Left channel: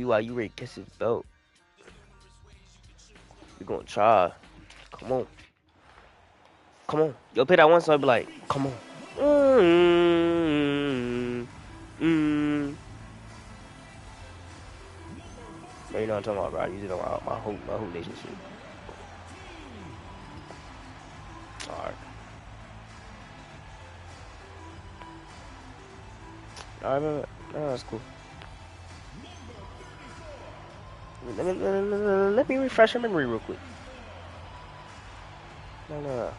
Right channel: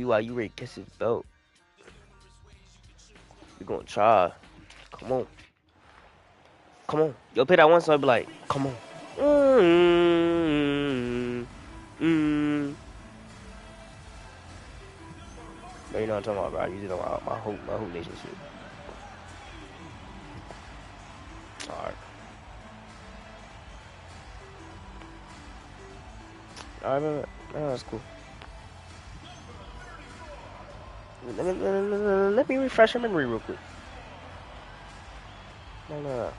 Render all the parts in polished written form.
BYU ready to kiss his belt. We gonna try. Come on. Come on. Yo, play that one song, be like, come on. Mm, mm. Bro, you know what I'm talking about, bro. I use it on my whole nation shit. Alright. Alright, man. No, that's cool. Let me refresh your memory real quick. No.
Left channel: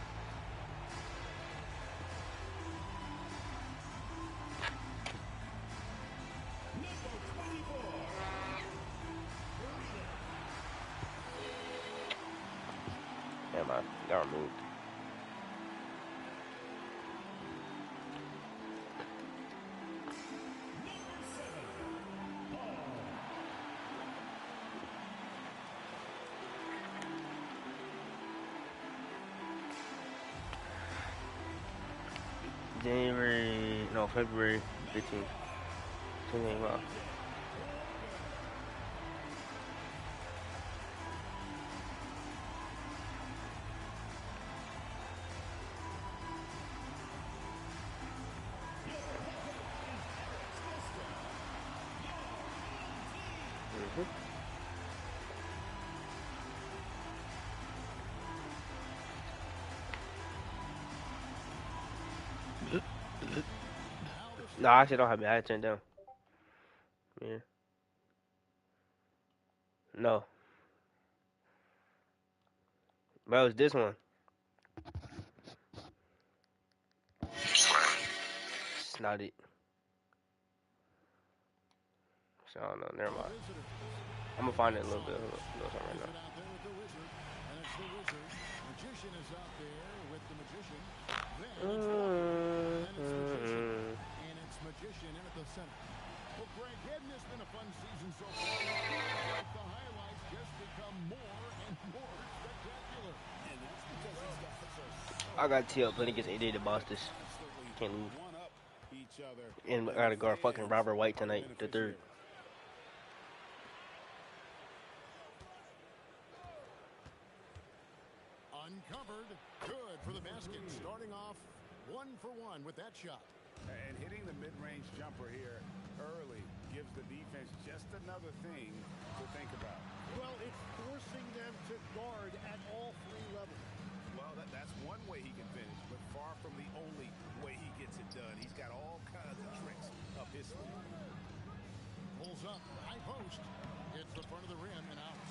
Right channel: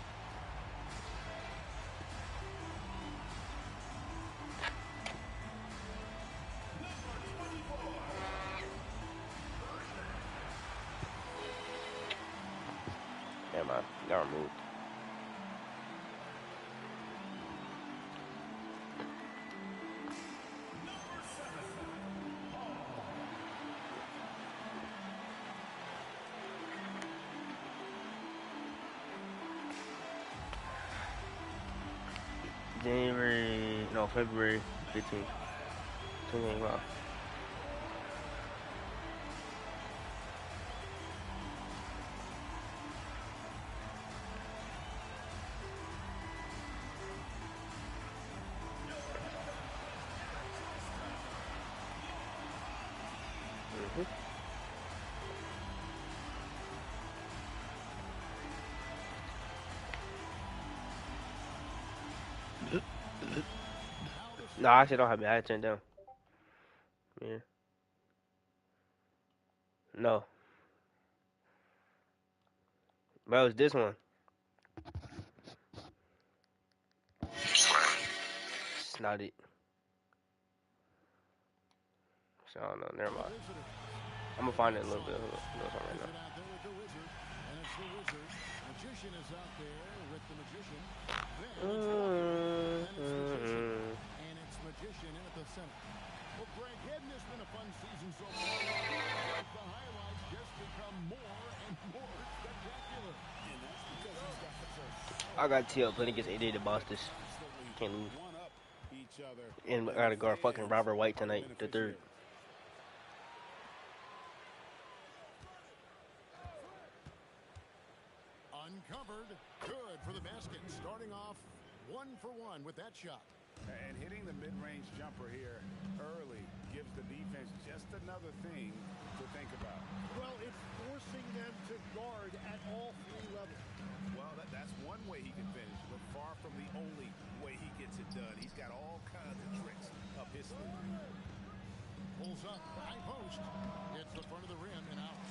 Never mind. Got removed. February 15th. 2025. No, I actually don't have it. I had turned down. Yeah. No. Bro, it's this one. It's not it. So, I don't know. Never mind. I'm gonna find it a little bit. Hold on right now. And it's Magician in at the center. Well, Greg, hadn't this been a fun season so far? The highlights just become more and more spectacular. And that's because these guys are I got TL playing against 88 the Boston. Can't lose. And I gotta guard fucking Robert White tonight, the third. Uncovered. Good for the basket. Starting off 1 for 1 with that shot. And hitting the mid-range jumper here early gives the defense just another thing to think about. Well, it's forcing them to guard at all 3 levels. Well, that's one way he can finish, but far from the only way he gets it done. He's got all kinds of tricks up his sleeve. Pulls up, high post, hits the front of the rim and out.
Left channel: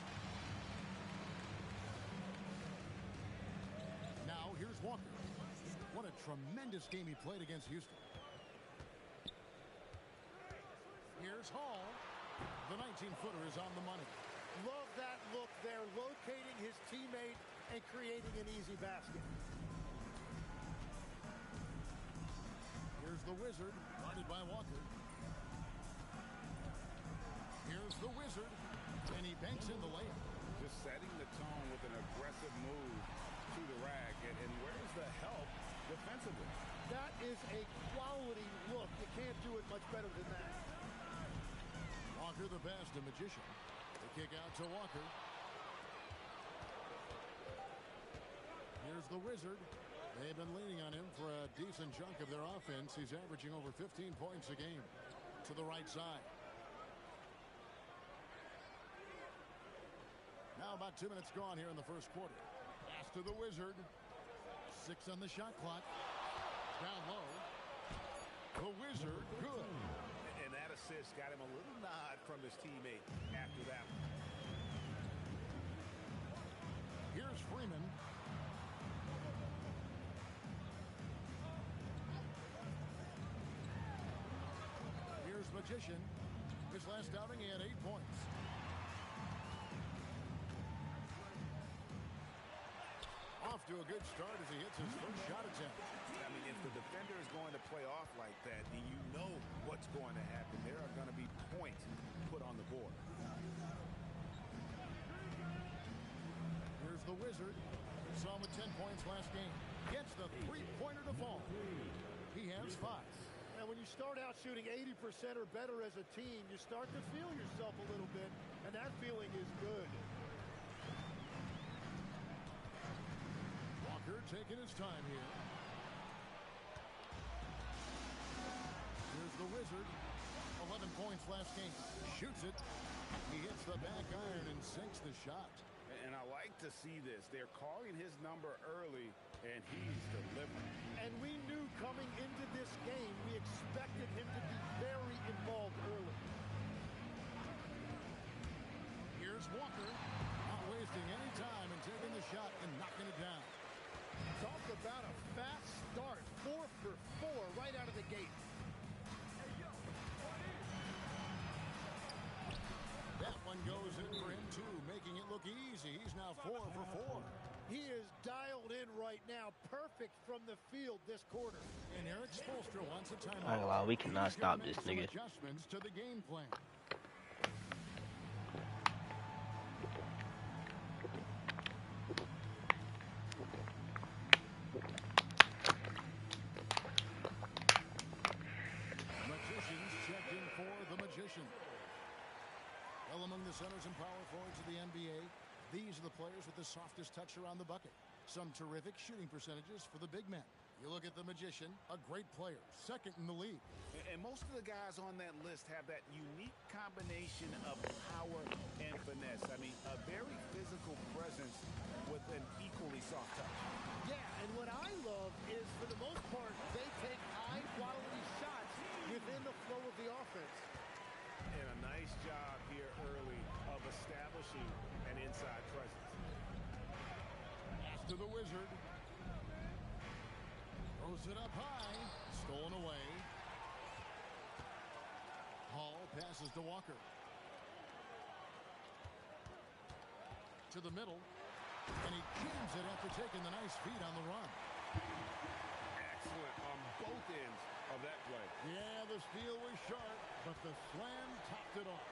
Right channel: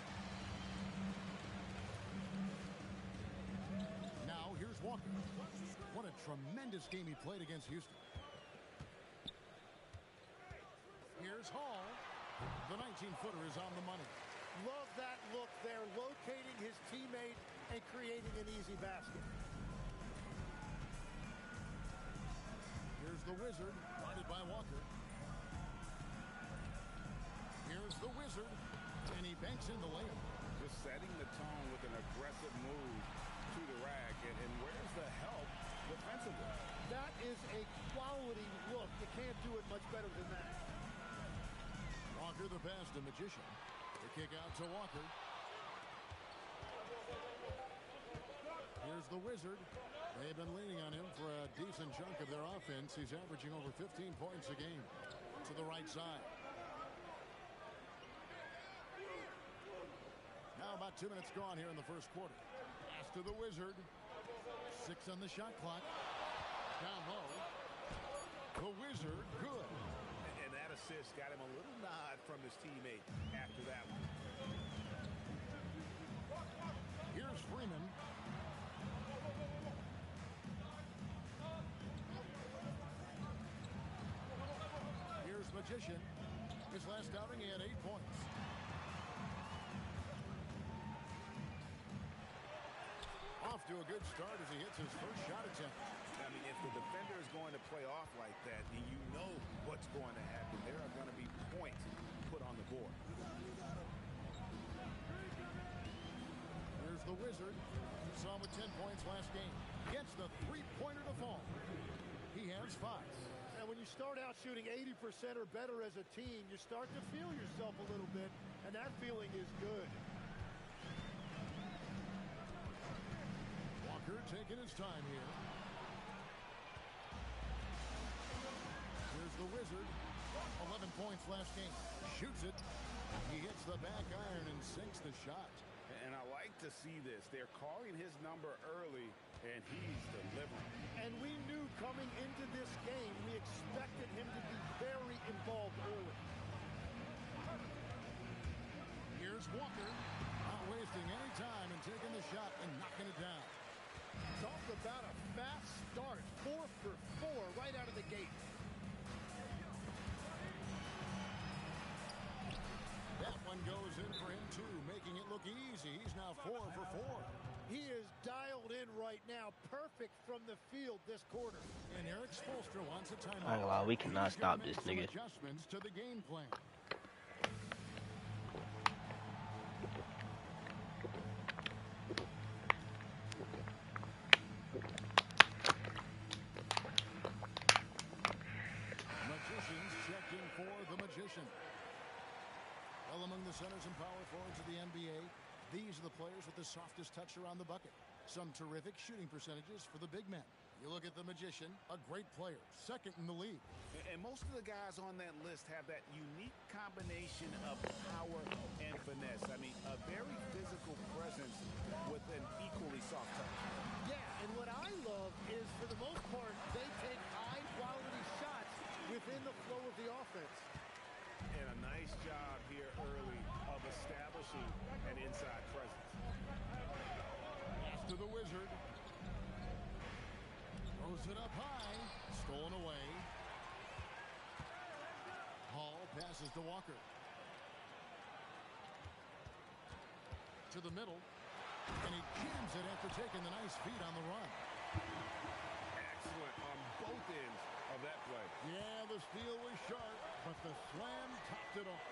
Now here's Walker. What a tremendous game he played against Houston. Here's Hall. The 19-footer is on the money. Love that look there, locating his teammate and creating an easy basket. Here's the Wizard, guarded by Walker. Here's the Wizard, and he banks in the layup. Just setting the tone with an aggressive move to the rack, and where's the help defensively? That is a quality look. You can't do it much better than that. Walker the pass to Magician. The kick out to Walker. Here's the Wizard. They've been leaning on him for a decent chunk of their offense. He's averaging over 15 points a game. To the right side. Now about 2 minutes gone here in the first quarter. Pass to the Wizard. 6 on the shot clock. Down low. The Wizard, good. And that assist got him a little nod from his teammate after that one. Here's Freeman. Here's Magician. His last outing, he had 8 points. Off to a good start as he hits his first shot attempt. I mean, if the defender is going to play off like that, then you know what's going to happen. There are going to be points put on the board. Here's the Wizard. We saw him with 10 points last game. Gets the three-pointer to fall. He has 5. And when you start out shooting 80% or better as a team, you start to feel yourself a little bit. And that feeling is good. Walker taking his time here. Here's the Wizard. 11 points last game. Shoots it. He hits the back iron and sinks the shot. And I like to see this. They're calling his number early, and he's delivering. And we knew coming into this game, we expected him to be very involved early. Here's Walker. Not wasting any time and taking the shot and knocking it down. Talk about a fast start. 4 for 4 right out of the gate. That one goes in for him, too, making it look easy. He's now 4 for 4. He is dialed in right now. Perfect from the field this quarter. And Eric Spoelstra wants a timeout. I ain't gonna lie, we cannot stop this nigga. Adjustments to the game plan. Magicians check in for the Magician. Well, among the centers and power forwards of the NBA, these are the players with the softest touch around the bucket. Some terrific shooting percentages for the big men. You look at the Magician, a great player, second in the league. And most of the guys on that list have that unique combination of power and finesse. I mean, a very physical presence with an equally soft touch. Yeah, and what I love is, for the most part, they take high-quality shots within the flow of the offense. And a nice job here early of establishing an inside presence. Pass to the Wizard. Throws it up high. Stolen away. Hall passes to Walker. To the middle. And he jams it after taking the nice feed on the run. Excellent on both ends of that play. Yeah, the steal was sharp, but the slam topped it off.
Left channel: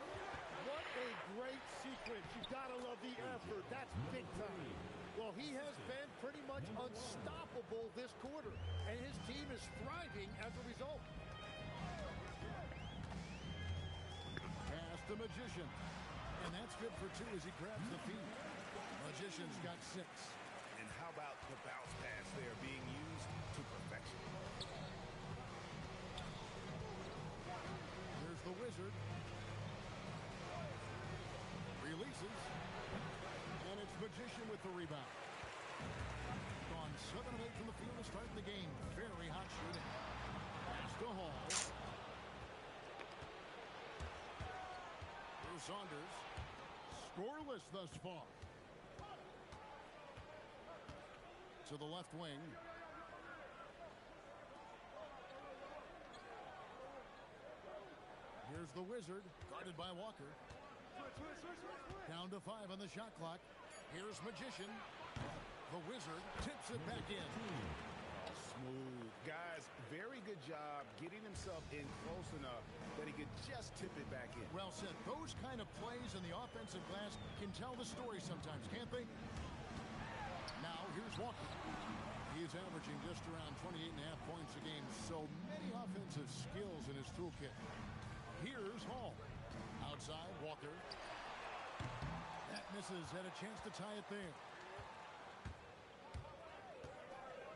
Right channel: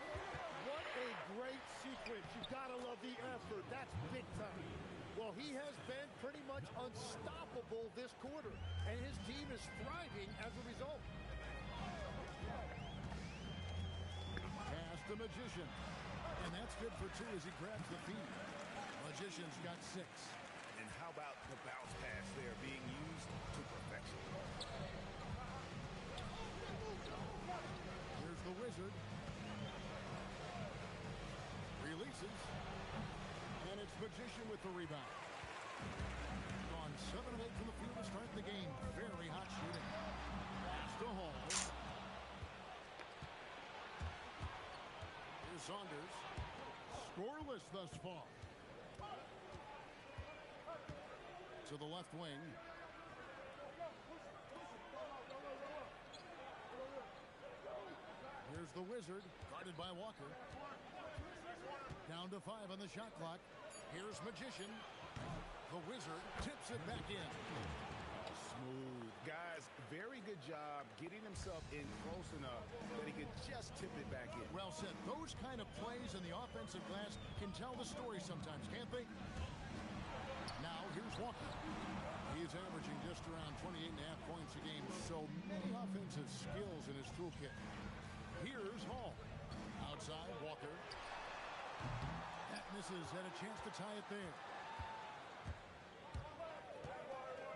What a great sequence. You've got to love the effort. That's big time. Well, he has been pretty much unstoppable this quarter, and his team is thriving as a result. Pass the Magician. And that's good for 2 as he grabs the feed. Magician's got 6. And how about the bounce pass there being used to perfection? Here's the Wizard. Releases. And it's Magician with the rebound. Gone 7 of 8 from the field to start the game. Very hot shooting. Pass to Hall. Here's Saunders. Scoreless thus far. To the left wing. Here's the Wizard, guarded by Walker. Down to 5 on the shot clock. Here's Magician. The Wizard tips it back in. Oh, smooth. Guys, very good job getting himself in close enough that he could just tip it back in. Well said. Those kind of plays in the offensive glass can tell the story sometimes, can't they? Now, here's Walker. He's averaging just around 28.5 points a game. So many offensive skills in his toolkit. Here's Hall. Outside, Walker. That misses. Had a chance to tie it there.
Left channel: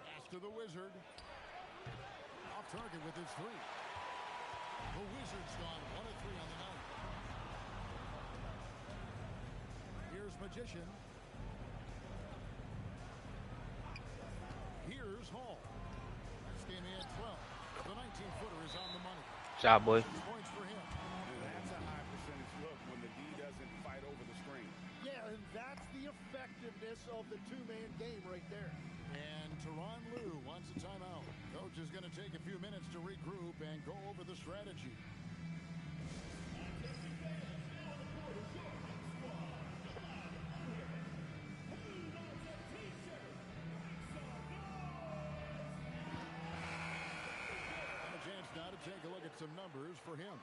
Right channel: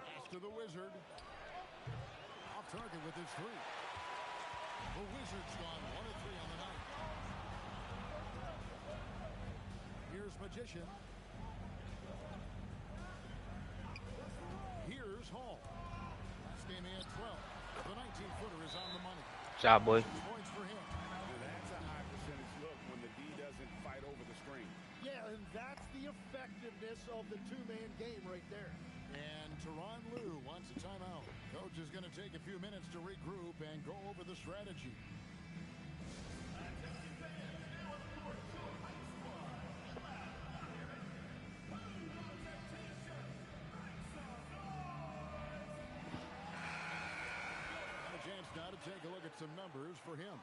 Pass to the Wizard. Off target with his 3. The Wizard's gone 1 of 3 on the night. Here's Magician. Here's Hall. Last game he had 12. The 19-footer is on the money. Job, boy. 6 points for him. That's a high percentage look when the D doesn't fight over the screen. Yeah, and that's the effectiveness of the two-man game right there. And Tyronn Lue wants a timeout. Coach is going to take a few minutes to regroup and go over the strategy. And a chance now to take a look at some numbers for him.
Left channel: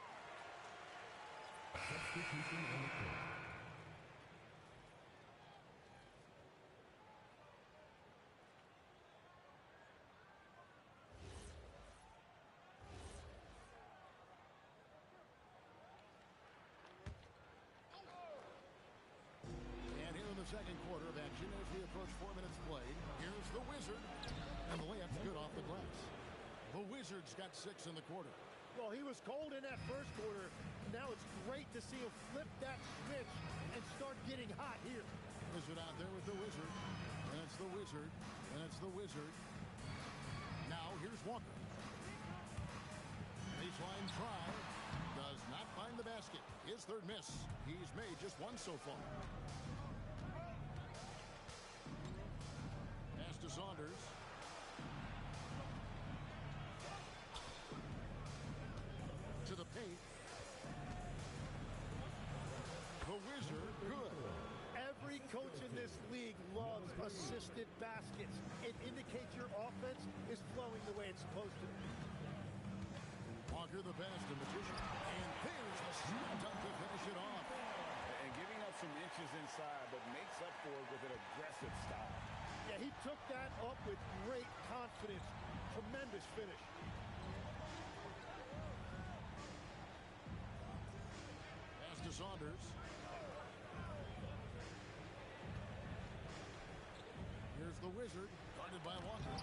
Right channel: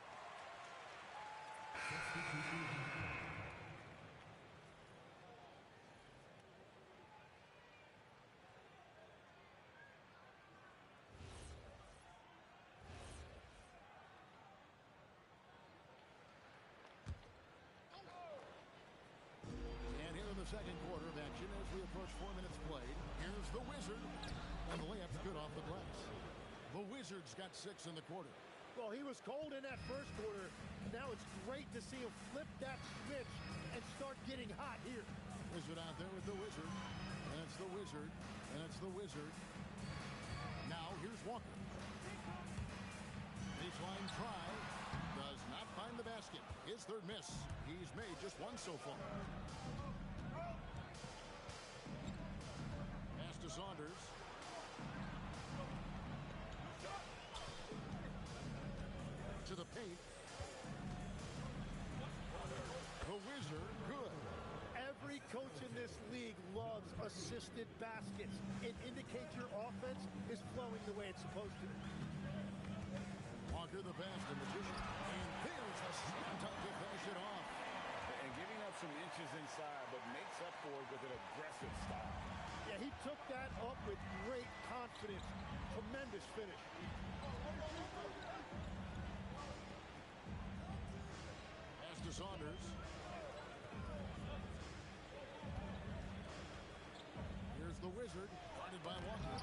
second quarter of action as we approach 4 minutes played. Here's the Wizard. And the layup's good off the glass. The Wizards got 6 in the quarter. Well, he was cold in that first quarter. Now it's great to see him flip that switch and start getting hot here. Wizard out there with the Wizard. And it's the Wizard. And it's the Wizard. Now here's Walker. Baseline try. Does not find the basket. His third miss. He's made just one so far. Pass to Saunders. To the paint. The Wizard, good. Every coach in this league loves assisted baskets. It indicates your offense is flowing the way it's supposed to. Walker the pass to Magician. And there's the slam dunk to finish it off. And giving up some inches inside, but makes up for it with an aggressive style. Yeah, he took that up with great confidence. Tremendous finish. Pass to Saunders. Here's the Wizard, guarded by Walker.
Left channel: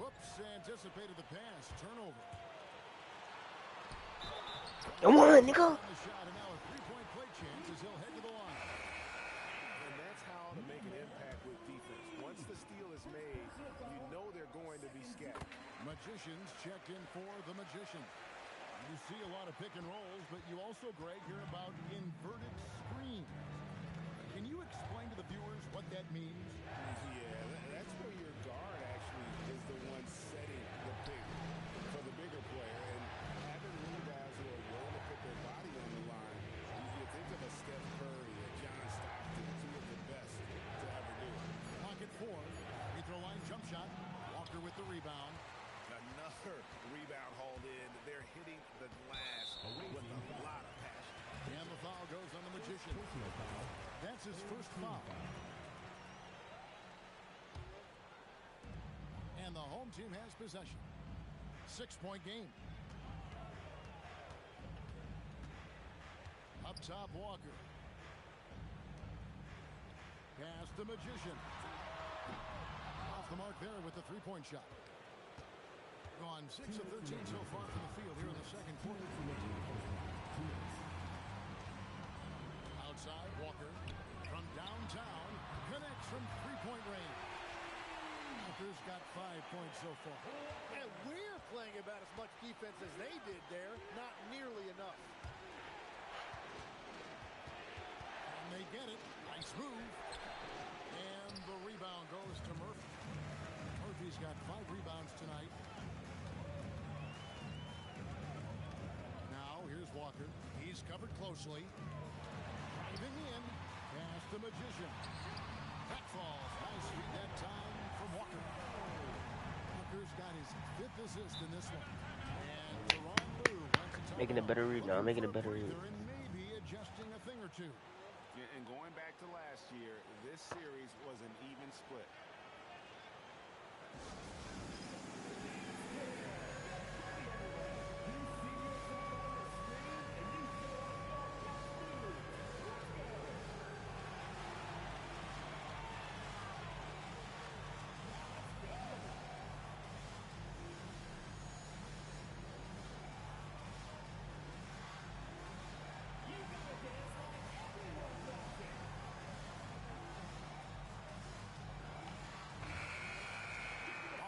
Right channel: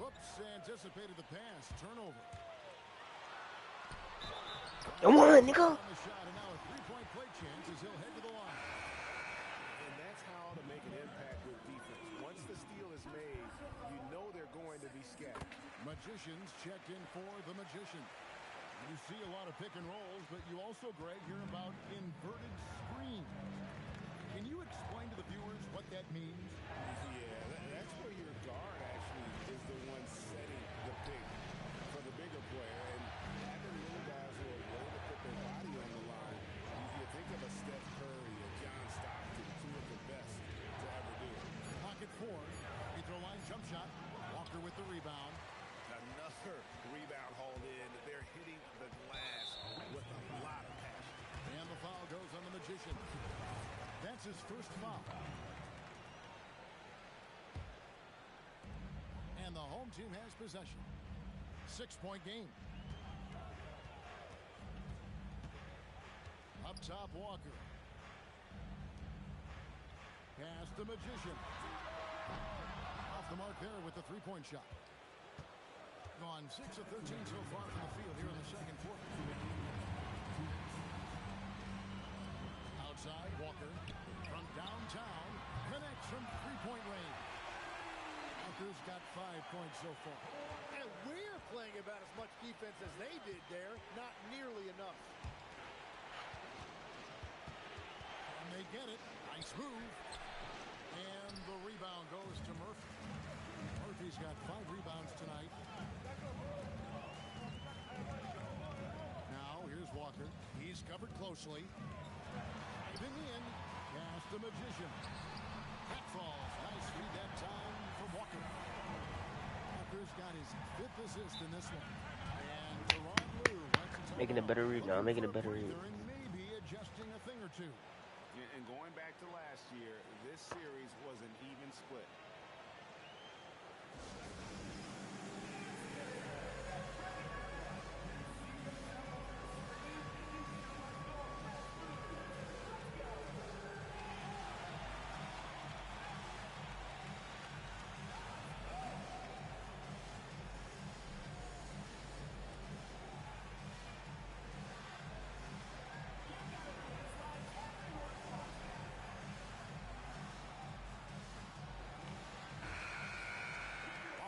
Whoops, anticipated the pass. Turnover. Come on, nigga. On the shot, and now a three-point play chance as he'll head to the line. And that's how to make an impact with defense. Once the steal is made, you know they're going to be scattered. Magicians check in for the Magician. You see a lot of pick and rolls, but you also, Greg, hear about inverted screens. Can you explain to the viewers what that means? Yeah, that's where your guard actually is the one setting the pick for the bigger player. And having little guys who are willing to put their body on the line, you think of a Steph Curry, a John Stockton, two of the best to ever do it. Pocket 4, free throw line jump shot. Walker with the rebound. Another rebound hauled in. They're hitting the glass with a lot of passion. And the foul goes on the Magician. That's his first foul. And the home team has possession. 6-point game. Up top, Walker. Pass the Magician. Off the mark there with the three-point shot. Gone 6 of 13 so far from the field here in the second quarter. Outside, Walker from downtown connects from three-point range. Walker's got 5 points so far. And we're playing about as much defense as they did there. Not nearly enough. And they get it. Nice move. And the rebound goes to Murphy. Murphy's got 5 rebounds tonight. Now, here's Walker. He's covered closely. Driving in. Pass the Magician. That falls. Nice feed that time from Walker. Walker's got his 5th assist in this one. And Teron Lue Making a better read now. Making a better read. and maybe adjusting a thing or two. And going back to last year, this series was an even split.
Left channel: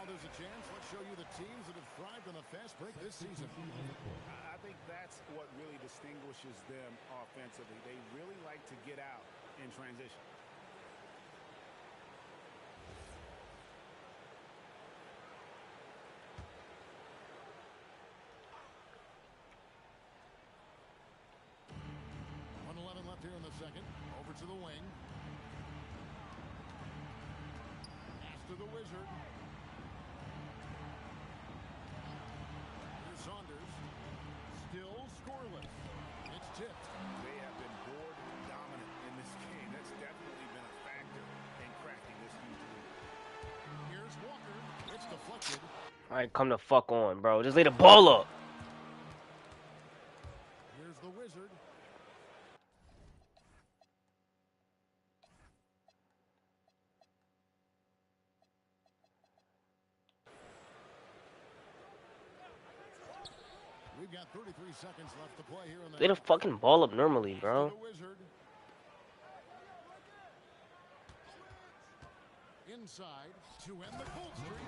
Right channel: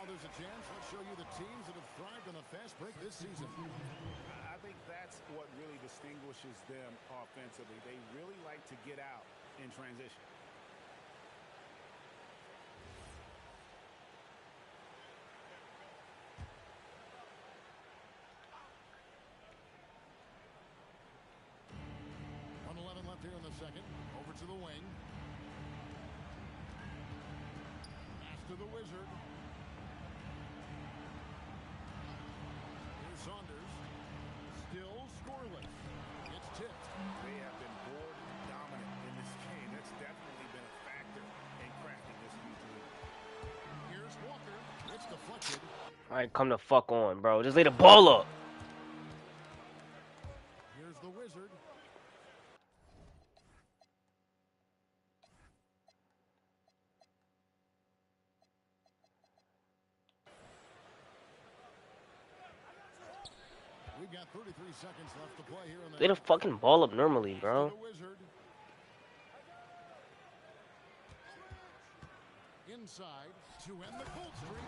There's a chance. Let's show you the teams that have thrived on a fast break this season. I think that's what really distinguishes them offensively. They really like to get out in transition. Left here in the second. Over to the wing. Pass to the Wizard. Here's Saunders. Still scoreless. It's tipped. They have been board dominant in this game. That's definitely been a factor in cracking this huge lead. Here's Walker. It's deflected. All right, come the fuck on, bro. Just lay the ball up. Here's the Wizard. got 33 seconds left to play here in the Lay the fucking ball up normally, bro. the Wizard. Inside to end the cold streak.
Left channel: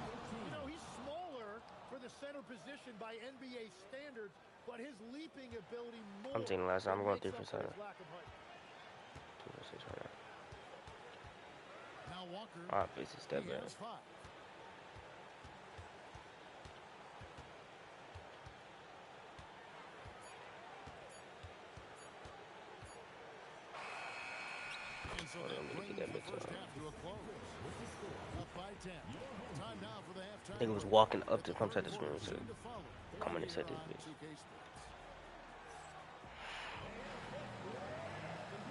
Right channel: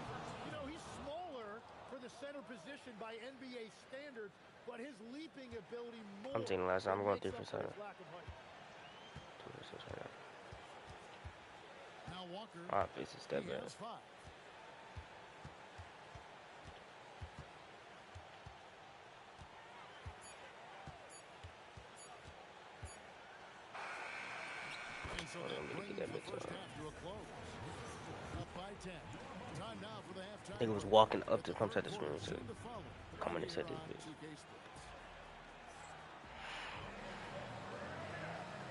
You know, he's smaller for the center position by NBA standards, but his leaping ability more. I'm taking the last time. I'm going 3 for 7. 2 for 6 right now. Now Walker. Ah, face is step back. And so that brings the first half to a close. Up by 10. Time now for the halftime. I think it was walking up to come set the screen. So come on and set this bitch.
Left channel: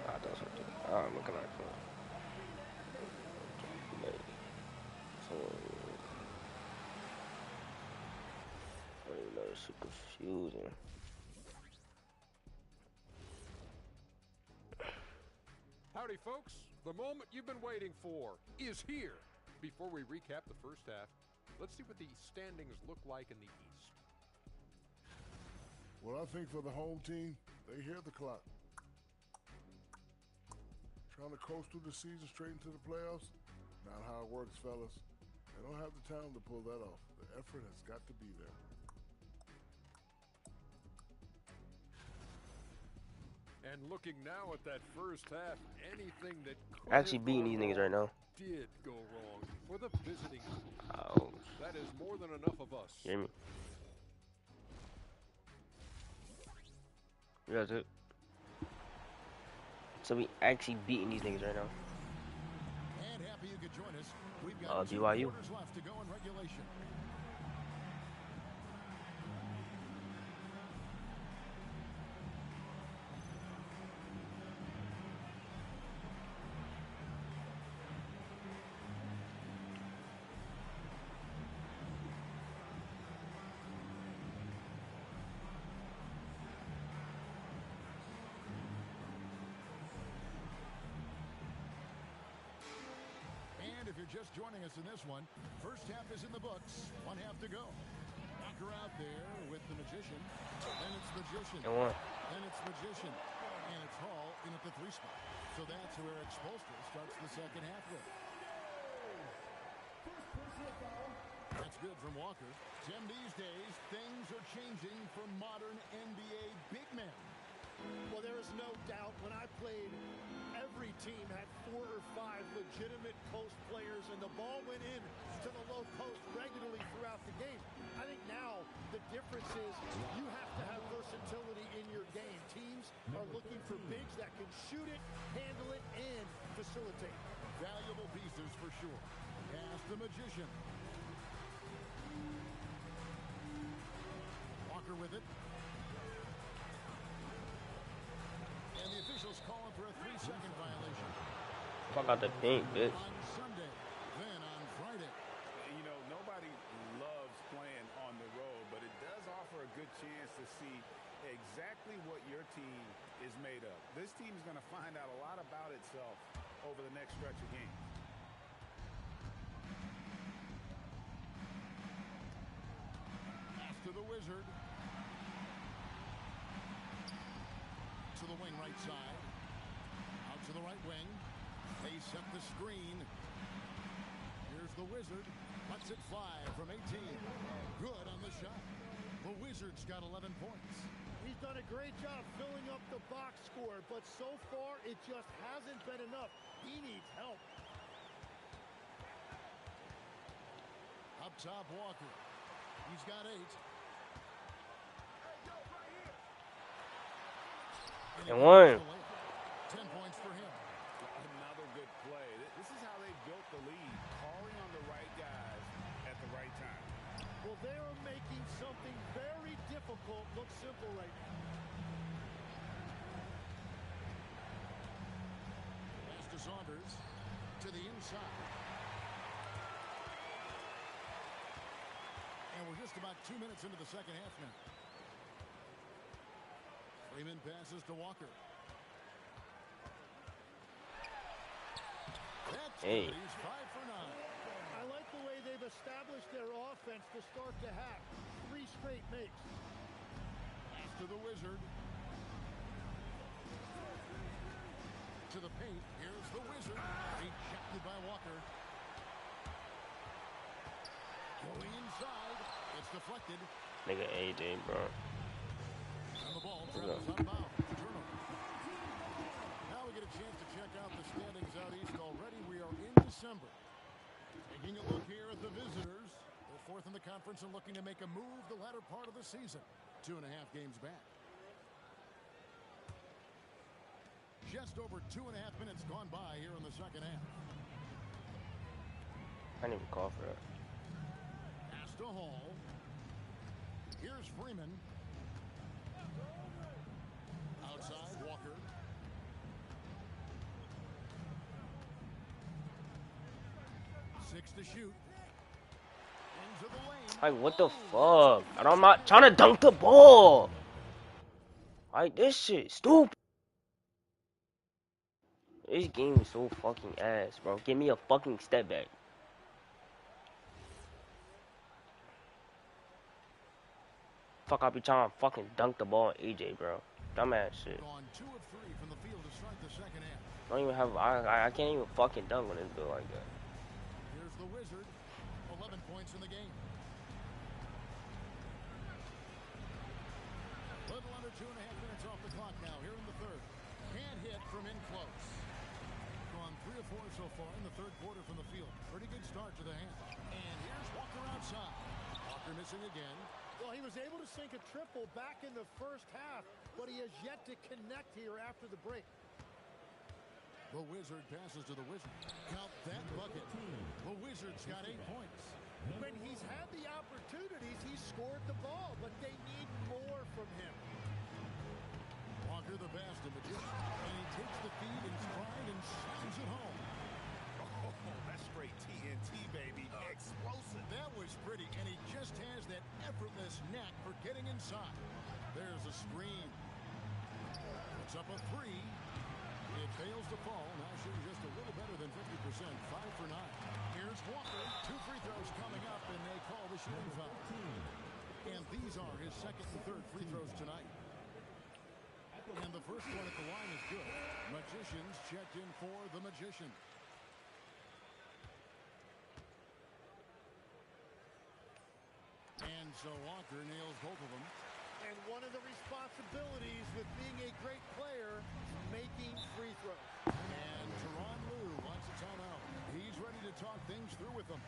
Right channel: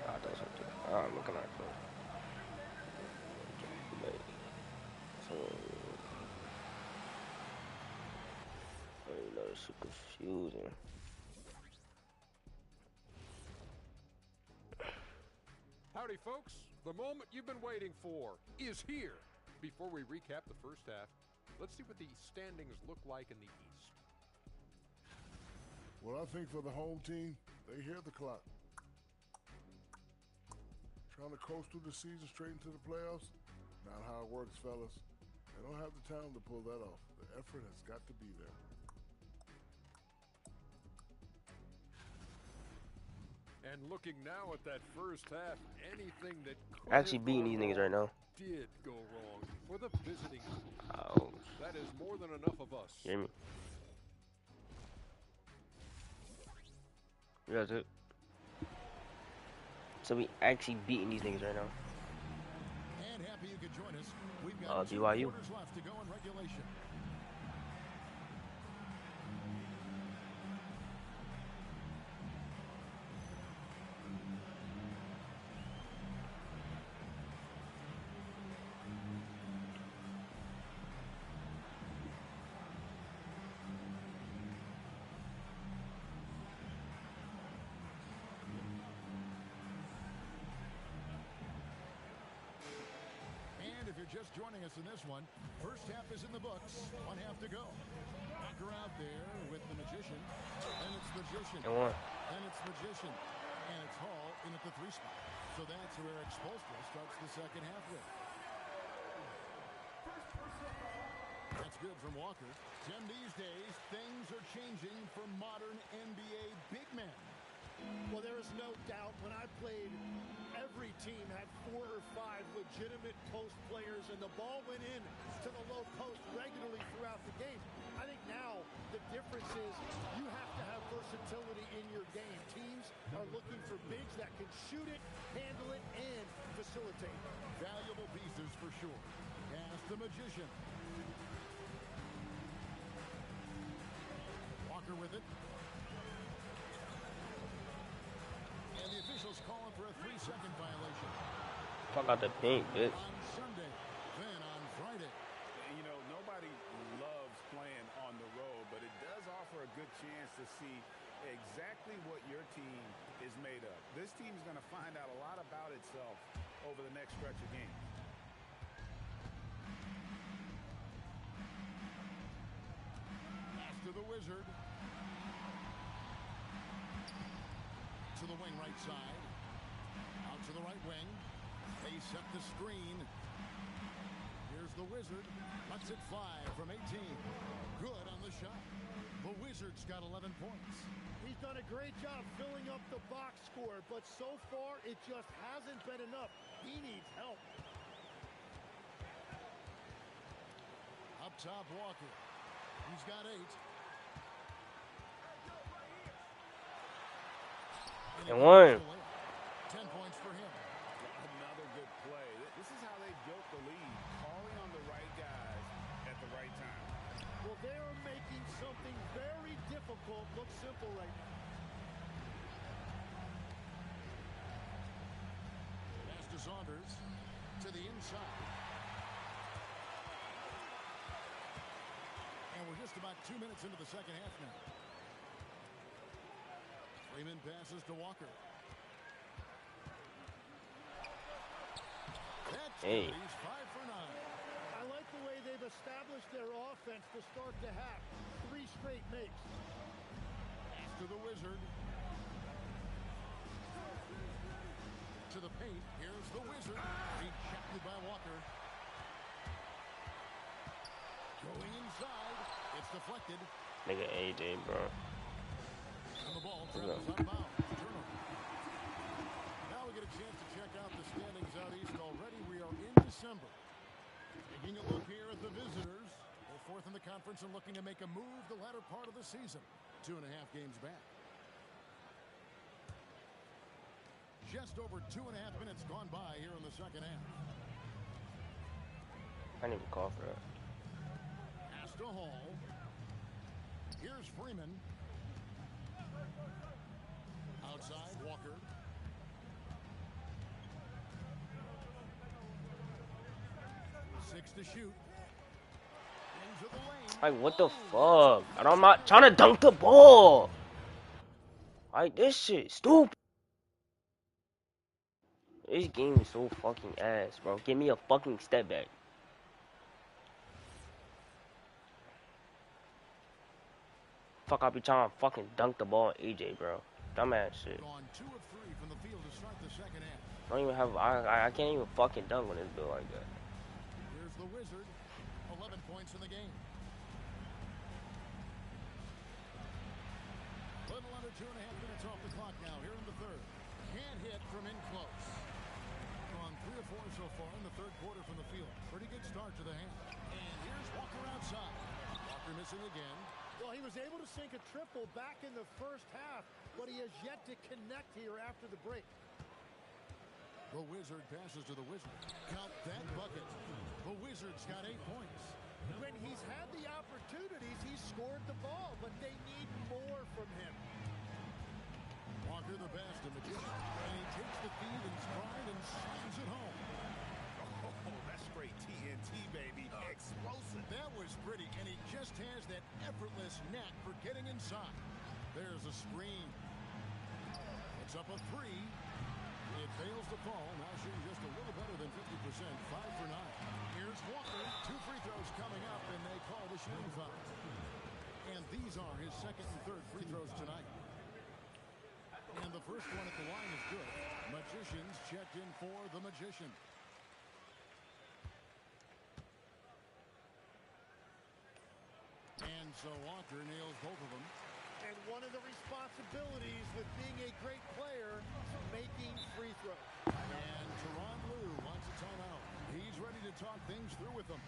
Ah, that was something. Ah, I'm looking at it. So, I don't even know, it's so confusing. Howdy, folks. The moment you've been waiting for is here. Before we recap the first half, let's see what the standings look like in the East. Well, I think for the home team, they hear the clock. Trying to coast through the season straight into the playoffs? Not how it works, fellas. They don't have the talent to pull that off. The effort has got to be there. And looking now at that first half, anything that could Actually have beating gone these niggas wrong right now. did go wrong for the visiting team. Oh, That is more than enough of us. you hear me? That's it. So we actually beating these niggas right now. And happy you could join us. We've got 2 BYU. quarters left to go in regulation. And if you're just joining us in this one, first half is in the books. 1 half to go. Walker out there with the Magician. And it's Magician. And one. And it's Magician. And it's Hall in at the 3 spot. So that's who Eric Spoelstra starts the second half with. That's good from Walker. Tim, these days, things are changing for modern NBA big men. Well, there is no doubt when I played, every team had 4 or 5 legitimate post players, and the ball went in to the low post regularly throughout the game. I think now the difference is you have to have versatility in your game. Teams are looking for bigs that can shoot it, handle it, and facilitate. Valuable pieces for sure. Pass the Magician. Walker with it. And the officials calling for a 3-second violation. Fuck out the paint, bitch. On Sunday, then on Friday. You know, nobody loves playing on the road, but it does offer a good chance to see exactly what your team is made of. This team is going to find out a lot about itself over the next stretch of games. Pass to the Wizard. To the wing right side. Out to the right wing. They set the screen. Here's the Wizard. Lets it fly from 18. Good on the shot. The Wizards got 11 points. He's done a great job filling up the box score, but so far it just hasn't been enough. He needs help. Up top, Walker. He's got 8. And one. 10 points for him. Another good play. This is how they built the lead, calling on the right guys at the right time. Well, they are making something very difficult look simple right now. Pass to Saunders. To the inside. And we're just about 2 minutes into the second half now. Freeman passes to Walker. That's Hey. good. He's 5 for 9. I like the way they've established their offense to start the half. 3 straight makes. to the Wizard. To the paint. Here's the Wizard. Rejected by Walker. Going inside. It's deflected. Nigga AJ, bro. And the ball travels out of bounds. Turnover. Now we get a chance to check out the standings out east. Already we are in December. Taking a look here at the visitors. They're fourth in the conference and looking to make a move the latter part of the season. 2.5 games back. Just over 2.5 minutes gone by here in the second half. I didn't even call for that. Pass to Hall. Here's Freeman. Outside, Walker. Six to shoot. Into the lane. Like, what the fuck? And I'm not trying to dunk the ball. Like, this shit stupid. This game is so fucking ass, bro. Give me a fucking step back. Fuck, I be trying to fucking dunk the ball on AJ, bro. Dumbass shit. Gone 2 of 3 from the field to start the second half. I don't even have. I can't even fucking dunk on this bill like that. Here's the Wizard. 11 points in the game. Little under 2.5 minutes off the clock now here in the third. Can't hit from in close. Gone 3 of 4 so far in the third quarter from the field. Pretty good start to the half. And here's Walker outside. Walker missing again. Well, he was able to sink a triple back in the first half, but he has yet to connect here after the break. The Wizard passes to the Wizard. Count that bucket. The Wizard's got 8 points. When he's had the opportunities, he's scored the ball, but they need more from him. Walker the best, a magician. And he takes the feed in stride and slams it home. Oh, that's straight TNT, baby. Explosive. That was pretty, and he just has that effortless knack for getting inside. There's a screen. Puts up a 3. It fails to fall. Now shooting just a little better than 50%. 5 for 9. Here's Walker. 2 free throws coming up, and they call the shooting foul. And these are his second and third free throws tonight. And the first one at the line is good. Magicians checked in for the Magician. And so Walker nails both of them. And one of the responsibilities with being a great player is making free throws. And Tyronn Lue wants a timeout. He's ready to talk things through with them.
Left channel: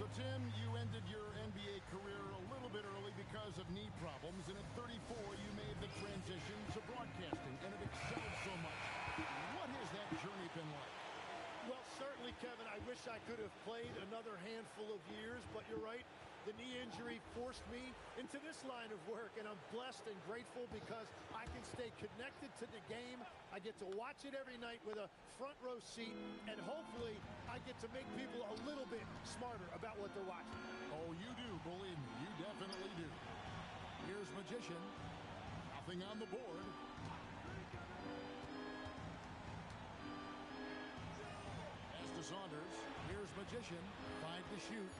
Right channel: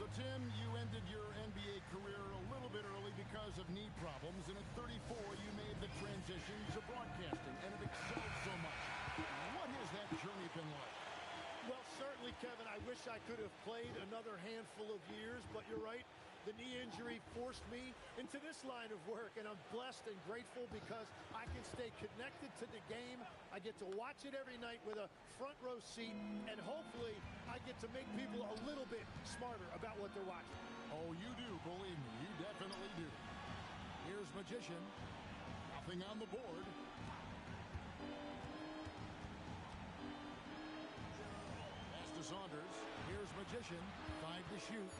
So, Tim, you ended your NBA career a little bit early because of knee problems, and at 34 you made the transition to broadcasting, and it excelled so much. What has that journey been like? Well, certainly, Kevin, I wish I could have played another handful of years, but you're right. The knee injury forced me into this line of work, and I'm blessed and grateful because I can stay connected to the game. I get to watch it every night with a front row seat, and hopefully I get to make people a little bit smarter about what they're watching. Oh, you do, believe me. You definitely do. Here's Magician. Nothing on the board. Pass to Saunders. Here's Magician. 5 to shoot.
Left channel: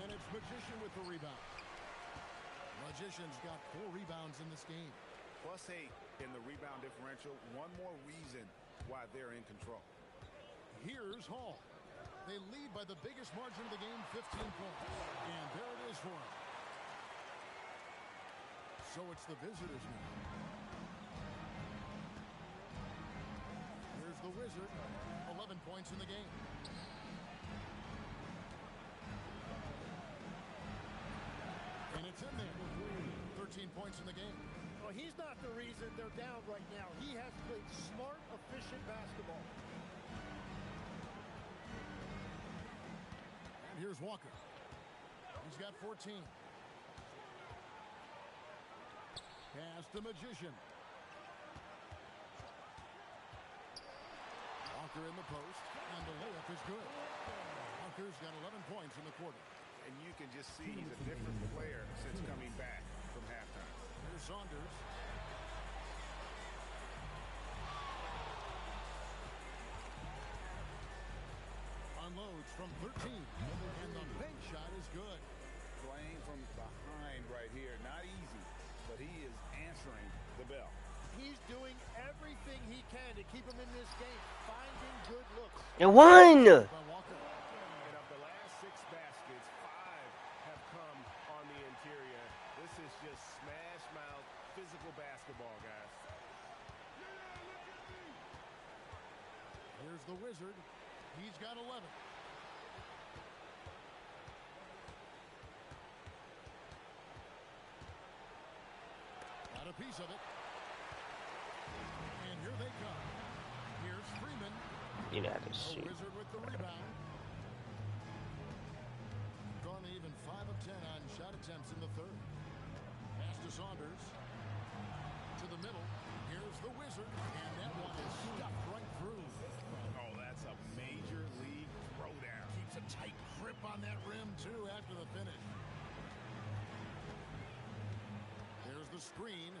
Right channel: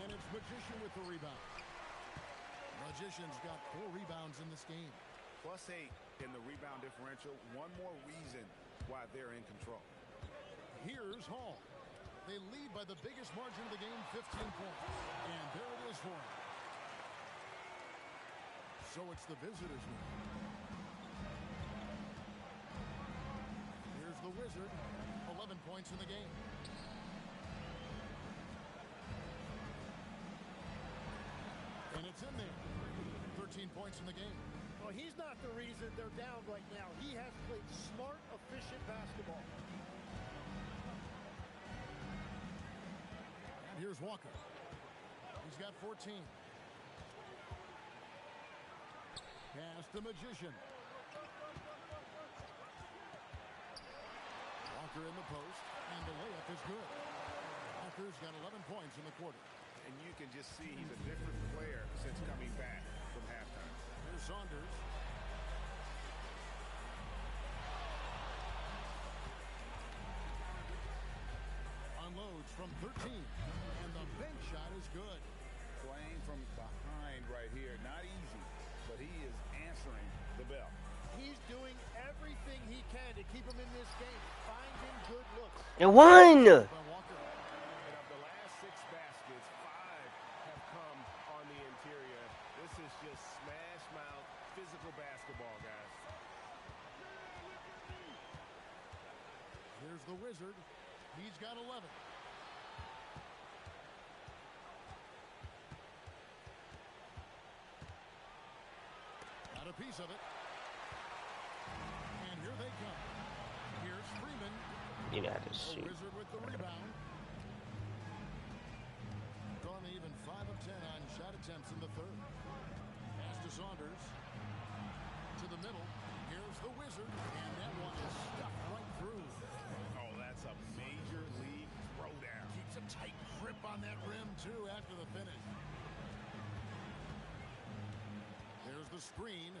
And it's Magician with the rebound. Magician's got 4 rebounds in this game. +8 in the rebound differential. One more reason why they're in control. Here's Hall. They lead by the biggest margin of the game, 15 points. And there it is for him. So it's the visitors now. Here's the Wizard. 11 points in the game. And it's in there. 13 points in the game. Well, he's not the reason they're down right now. He has played smart, efficient basketball. And here's Walker. He's got 14. Pass to Magician. Walker in the post, and the layup is good. Walker's got 11 points in the quarter. And you can just see he's a different player since coming back from halftime. Here's Saunders. Unloads from 13, and the bank shot is good. playing from behind right here. Not easy, but he is answering the bell. He's doing everything he can to keep him in this game, finding good looks. And one! Walker. And of the last 6 baskets, 5 have come on the interior. This is just smash mouth, physical basketball, guys. Here's the Wizard. He's got 11. Got a piece of it. And here they come. Here's Freeman. You know how to The shoot. Wizard with the rebound. Gone even 5 of 10 on shot attempts in the third. Pass to Saunders. To the middle. Here's the Wizard. And that one is stuffed right through. Oh, that's a major league throwdown. Keeps a tight grip on that rim, too, after the finish. There's the screen.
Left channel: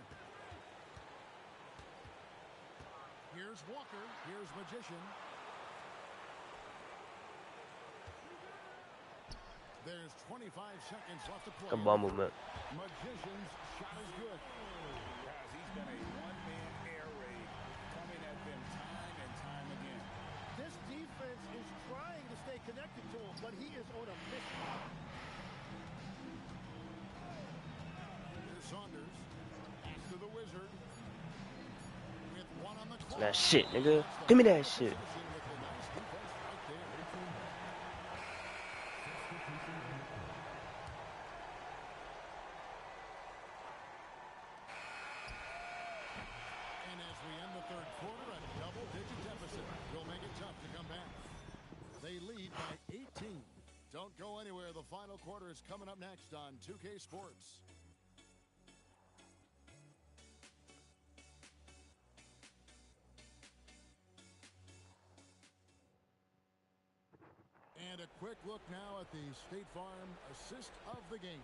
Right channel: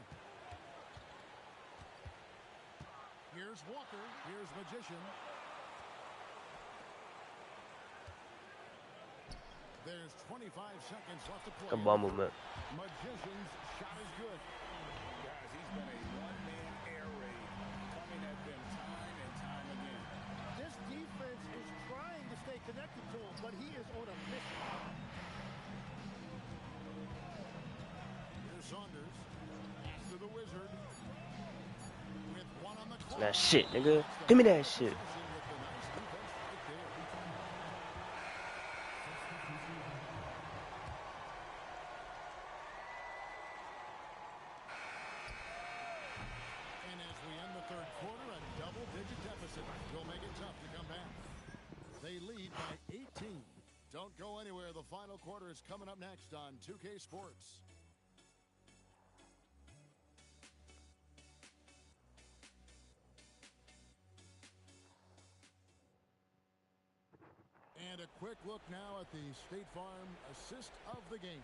Here's Walker. Here's Magician. There's 25 seconds left to play. Good ball movement. Magician's shot is good. Guys, he's been a one-man air raid coming at them time and time again. This defense is trying to stay connected to him, but he is on a mission. Here's Saunders. Pass to the Wizard. With one on the clock. That shit, nigga. Give me that shit. With the nice defense right there. And as we end the third quarter, a double-digit deficit will make it tough to come back. They lead by 18. Don't go anywhere. The final quarter is coming up next on 2K Sports. And a quick look now at the State Farm assist of the game.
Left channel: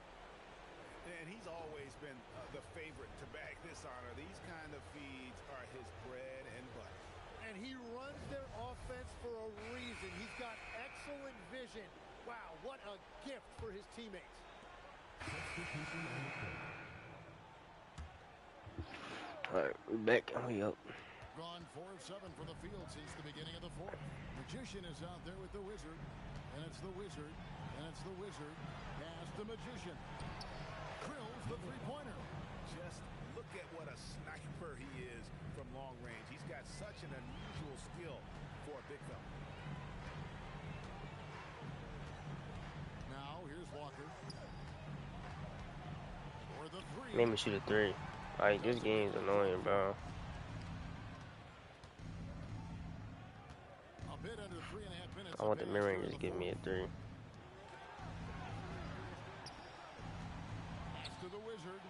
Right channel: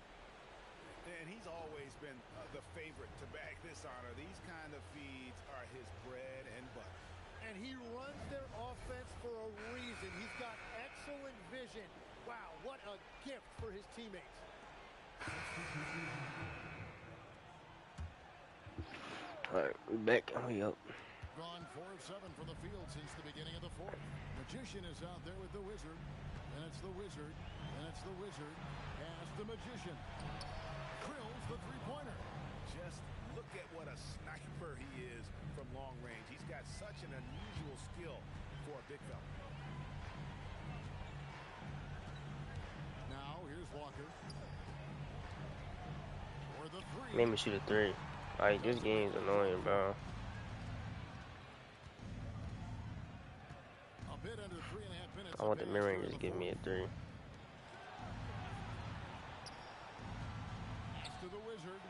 And he's always been the favorite to bag this honor. These kind of feeds are his bread and butter. And he runs their offense for a reason. He's got excellent vision. Wow, what a gift for his teammates. All right, we back and we up. Gone 4 of 7 from the field since the beginning of the fourth. Magician is out there with the Wizard. And it's the Wizard. And it's the Wizard. Pass the Magician. Drills the three-pointer. Just look at what a sniper he is from long range. He's got such an unusual skill for a big fella. Now, here's Walker. For the three. Made me shoot a 3. Like, this game's annoying, bro. A bit under 3.5 minutes. I want the mid-rangers to give me a 3. Pass to the Wizard.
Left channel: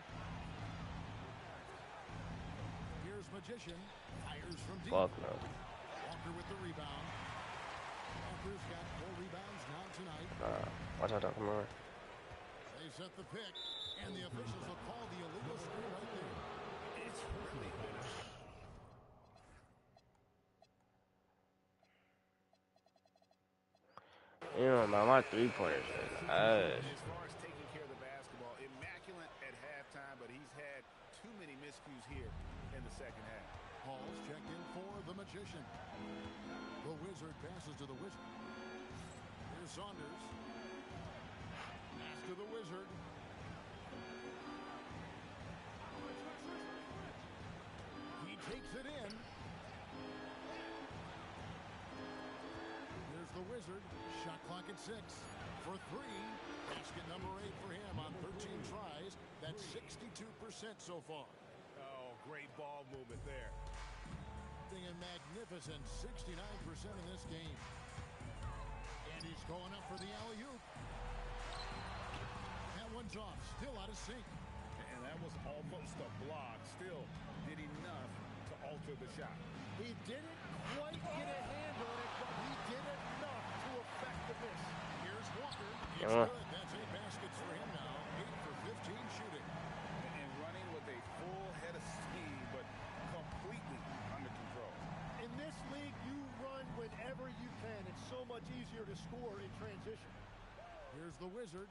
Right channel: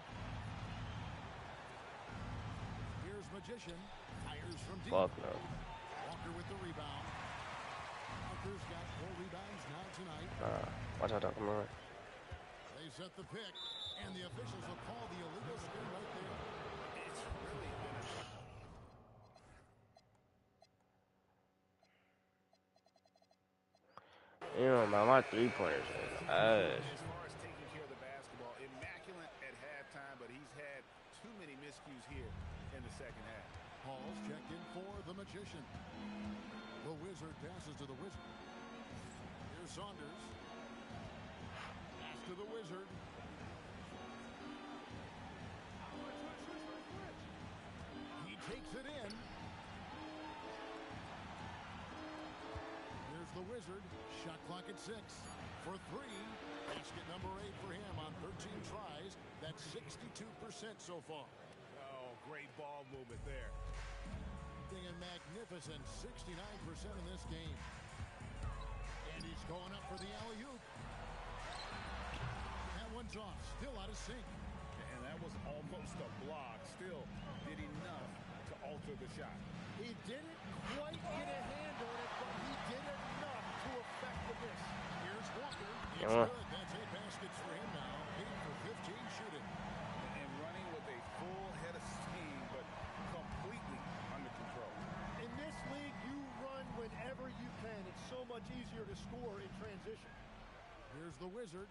Here's Magician. Fires from deep. Fuck no. Walker with the rebound. Walker's got 4 rebounds now tonight. Watch out, come on. They set the pick, and the officials will call the illegal screen right there. It's really been a... You know, my 3-pointers is ass. As far as taking care of the basketball, immaculate at halftime, but he's had too many miscues here in the second half. Hall's checked in for the Magician. The Wizard passes to the Wizard. Here's Saunders. Pass to the Wizard. He takes it in. Here's the Wizard. Shot clock at 6. For 3. Basket number 8 for him on 13 tries. That's 62% so far. Oh, great ball movement there. A magnificent 69% in this game. And he's going up for the alley-oop. That one's off. Still out of sync. And that was almost a block. Still did enough to alter the shot. He didn't quite get a hand on it, but he did enough to affect the miss. Here's Walker. It's good. That's 8 baskets for him now. 8 for 15 shooting. And running with a full head of steam, but completely under control. In this league, you run whenever you can. It's so much easier to score in transition. Here's the Wizard.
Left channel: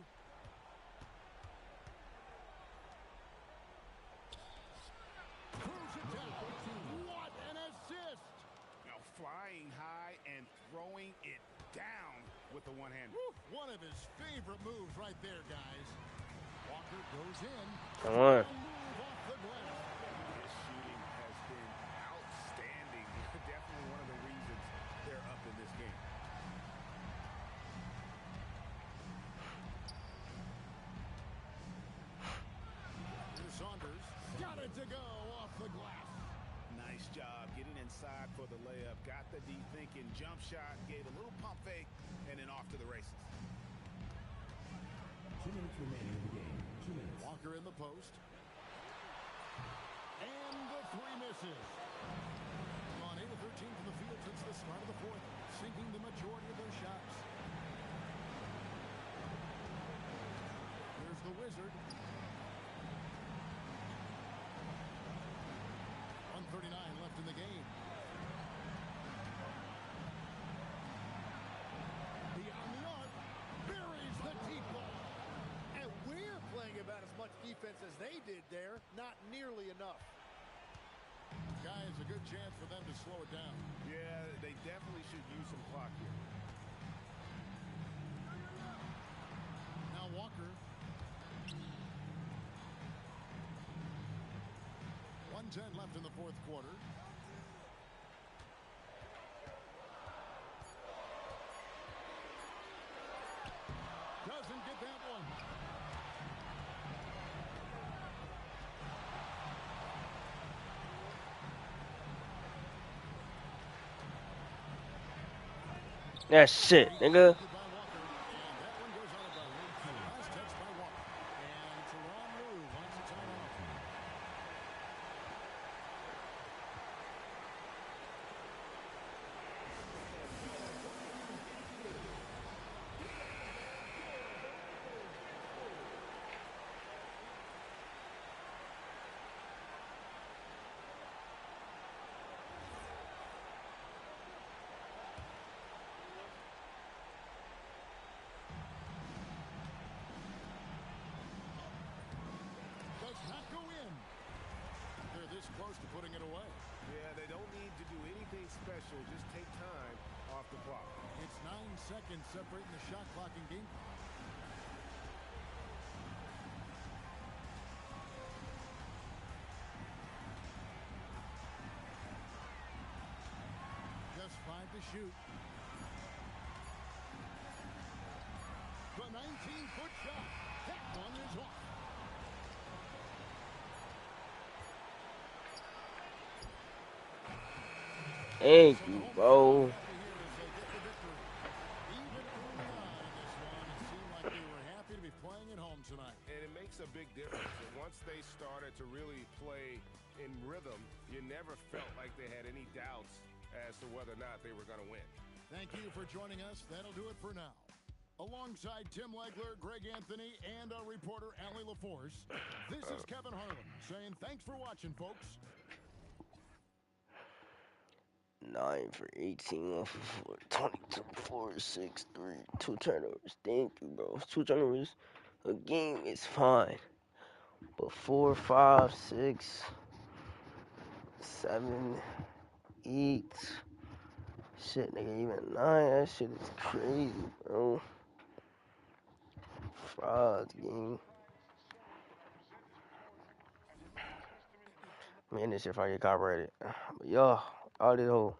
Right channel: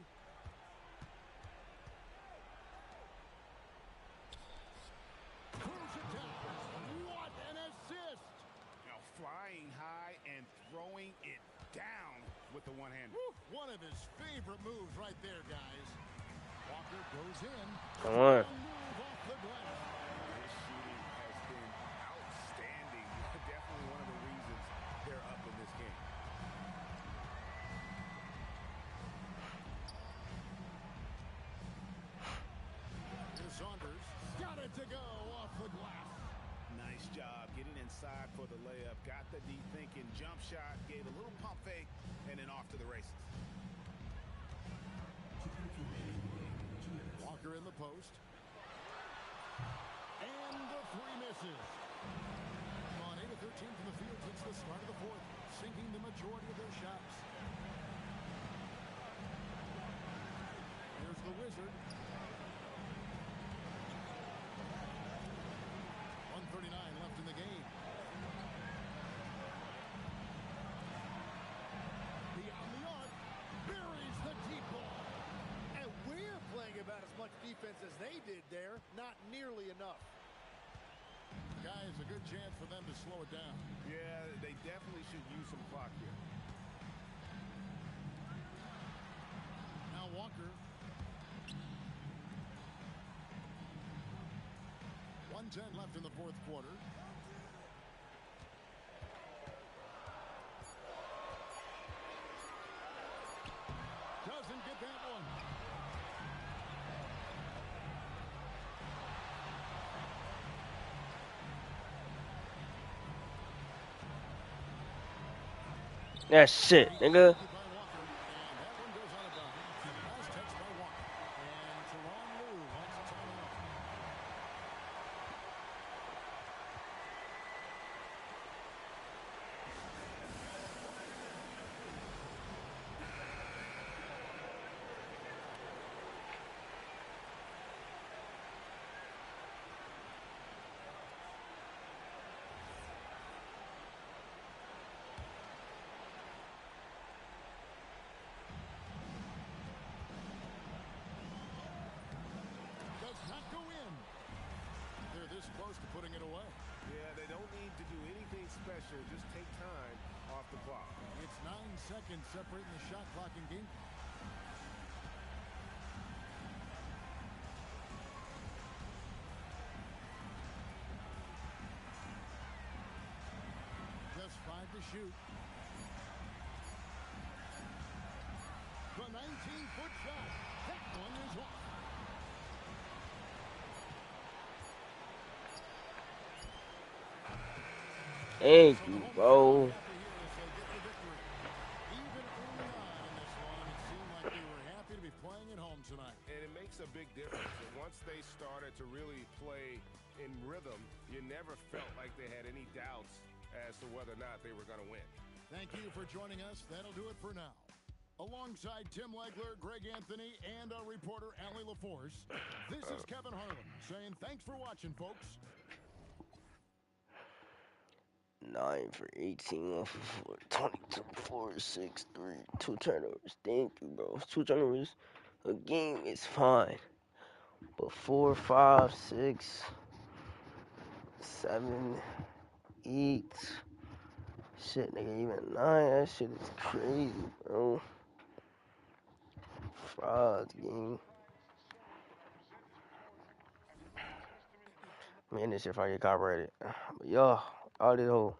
with the one-hander. One of his favorite moves right there, guys. Walker goes in. Come on. Move off the glass. His shooting has been outstanding. Definitely one of the reasons they're up in this game. Here's Saunders. Got it to go off the glass. Nice job getting inside for the layup. Got the deep thinking jump shot, gave a little pump fake, and then off to the races. 2 minutes remaining in the game. 2 minutes. Walker in the post. And the three misses. On 8 of 13 from the field since the start of the fourth, sinking the majority of their shots. Here's the Wizard. 1:39 left in the game. Beyond the arc, buries the deep ball. And we're playing about as much defense as they did there. Not nearly enough. Guys, a good chance for them to slow it down. Yeah, they definitely should use some clock here. Now Walker. 1:10 left in the fourth quarter. Doesn't get that one. That's it, nigga. By Walker, and that one goes out of bounds. Last touch by Walker. And Teron Lue wants a timeout. Does not go in. They're this close to putting it away. Yeah, they don't need to do anything special. Just take time off the clock. It's 9 seconds separating the shot clock and game clock. Just 5 to shoot. The 19-foot shot. That one is off. Thank you, bro. Even early on in this one, it seemed like they were happy to be playing at home tonight. And it makes a big difference. And once they started to really play in rhythm, you never felt like they had any doubts as to whether or not they were going to win. Thank you for joining us. That'll do it for now. Alongside Tim Legler, Greg Anthony, and our reporter, Allie LaForce, this is Kevin Harlan saying thanks for watching, folks. 9 for 18, 1 for 4, 22, 4, 6, 3, 2 turnovers. Thank you, bro. 2 turnovers a game is fine. But 4, 5, 6, 7, 8. Shit, nigga, even 9. That shit is crazy, bro. Frauds, game. Man, this shit probably get copyrighted. But yo, all this whole